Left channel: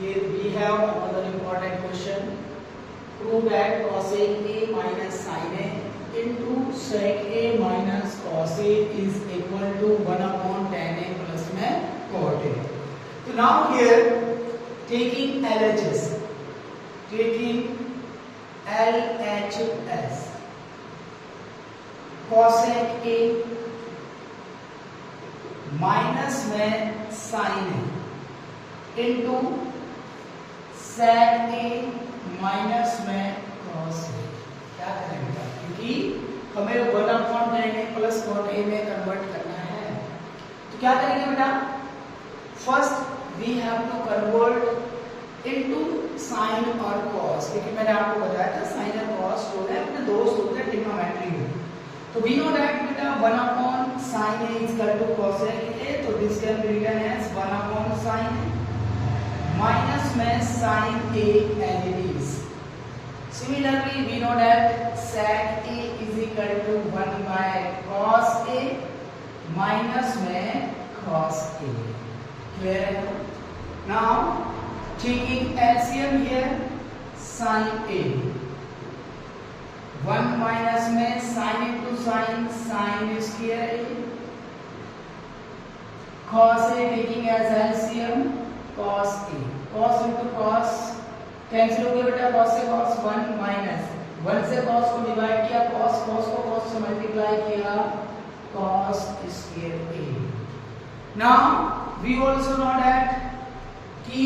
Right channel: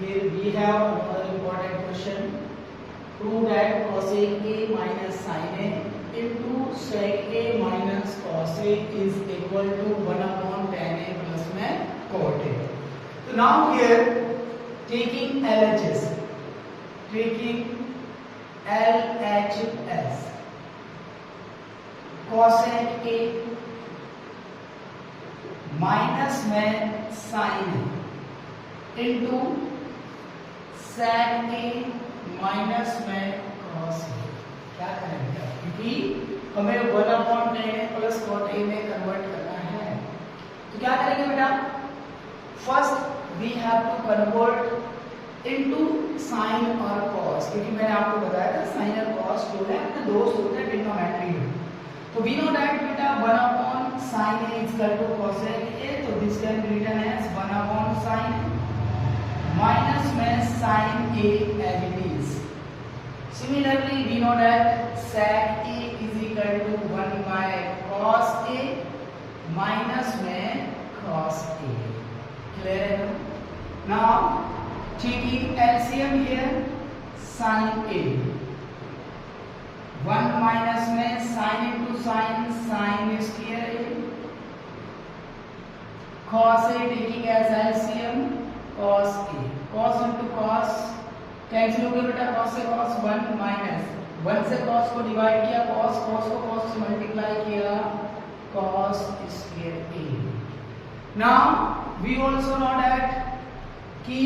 Here we have another important question. Prove that cosec A minus sin A into sec A minus cos A is equal to 1 upon tan A plus में cot A. So now here taking LHS, cosec A minus में sine A into sec A minus में cos A. क्या करेंगे क्योंकि हमें 1 upon tan A plus cot A में convert करना है, तो क्या करेंगे बेटा, first we have to convert into sine और cos, क्योंकि मैंने आपको बताया था साइन और cos जो है अपने दो सूत्र है ट्रिग्नोमेट्री में. तो वी नो दैट बेटा 1 upon sin A is equal to cosec A, तो this can be written as 1 upon sin minus में sin A as it is. Similarly we know that sec A is equal to 1 by cos A minus में cos A. Clear? Now taking LCM here, sin A 1 minus में sin into sin, sin square A, cos A taking as LCM cos A, cos into cos cancel हो गया बेटा, cos से cos 1 minus 1 से cos को divide किया, cos को cos से मल्टीप्लाई किया, cos square A. Now we also know that कि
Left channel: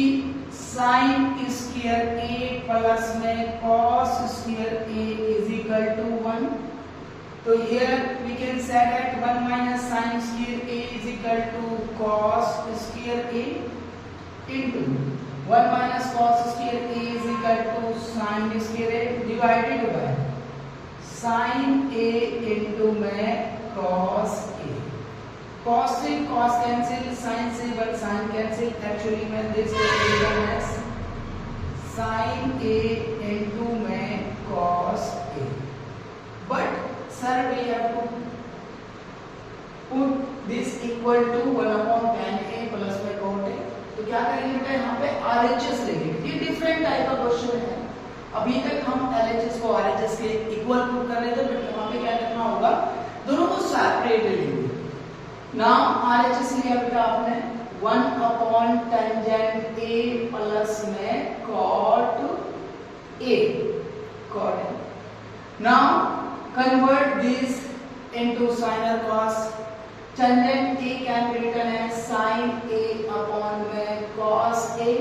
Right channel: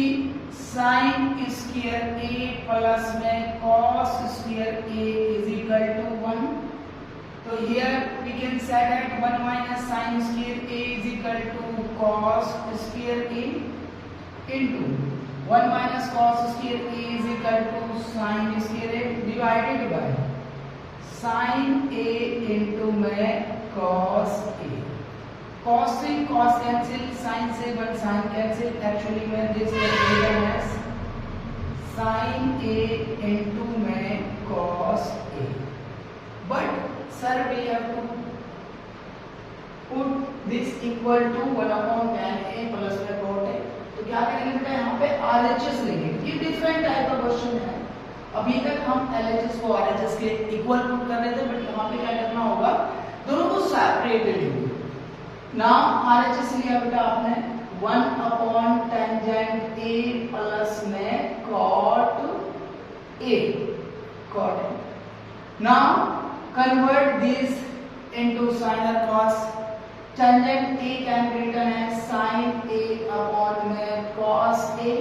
sin square A प्लस में cos square A is equal to 1. तो here we can say that 1 minus sin square A is equal to cos square A into 1 minus cos square A is equal to sin square A divided by sin A into में cos A. cos से cos cancel, sin से 1 sin cancel, actually में this is given as sin A into में cos A. But sir we have to put this equal to 1 upon tan A plus में cot A. तो क्या करेंगे बेटा, यहाँ पे RHS लेंगे. ये डिफरेंट टाइप का क्वेश्चन है. अभी तक हम LHS को RHS के इक्वल पुट कर रहे थे, बट यहाँ पे क्या करना होगा, दोनों को सेपरेट लेंगे. नाउ RHS लिया बेटा आपने 1 अपॉन टेंजेंट A प्लस में cot A, cot A. Now convert this into sin or cos. Tangent A can be written as sin A upon में cos A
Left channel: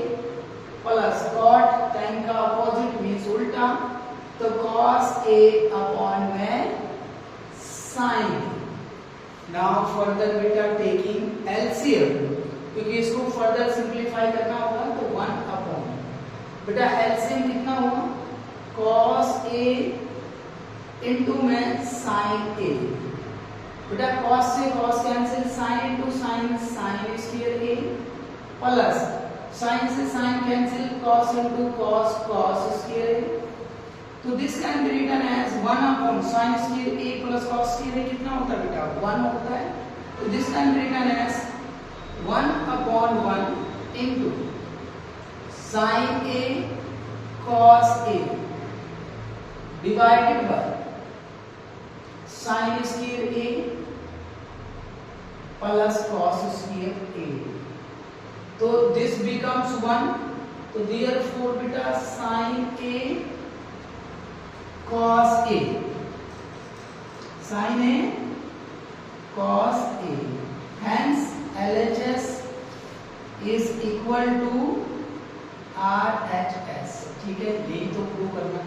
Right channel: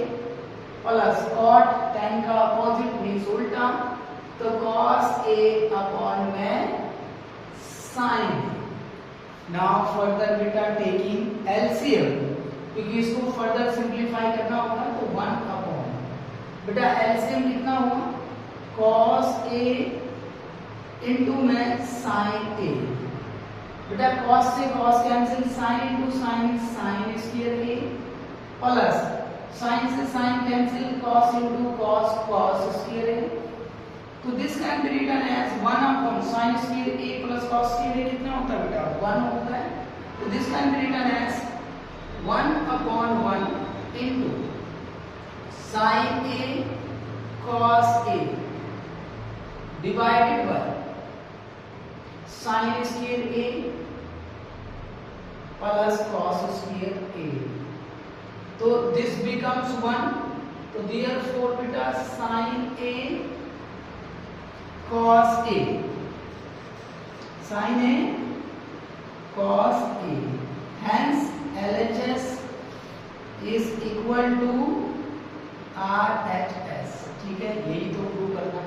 plus cot, tan का opposite means उल्टा, तो cos A upon में sin. Now further बेटा taking LCM, क्योंकि इसको further simplify करना होगा, तो 1 upon बेटा LCM कितना हुआ, cos A into में sin A. बेटा cos से cos cancel, sin into sin, sin square A plus sin से sin cancel, cos into cos, cos square A. तो this can be written as 1 upon sin square A plus cos square A कितना होता है बेटा, 1 होता है. तो this can be written as 1 upon 1 into sin A cos A divided by sin square A plus cos square A. तो this becomes 1. तो therefore बेटा sin A cos A, sin A cos A, hence LHS is equal to RHS. ठीक है, यही तो prove करना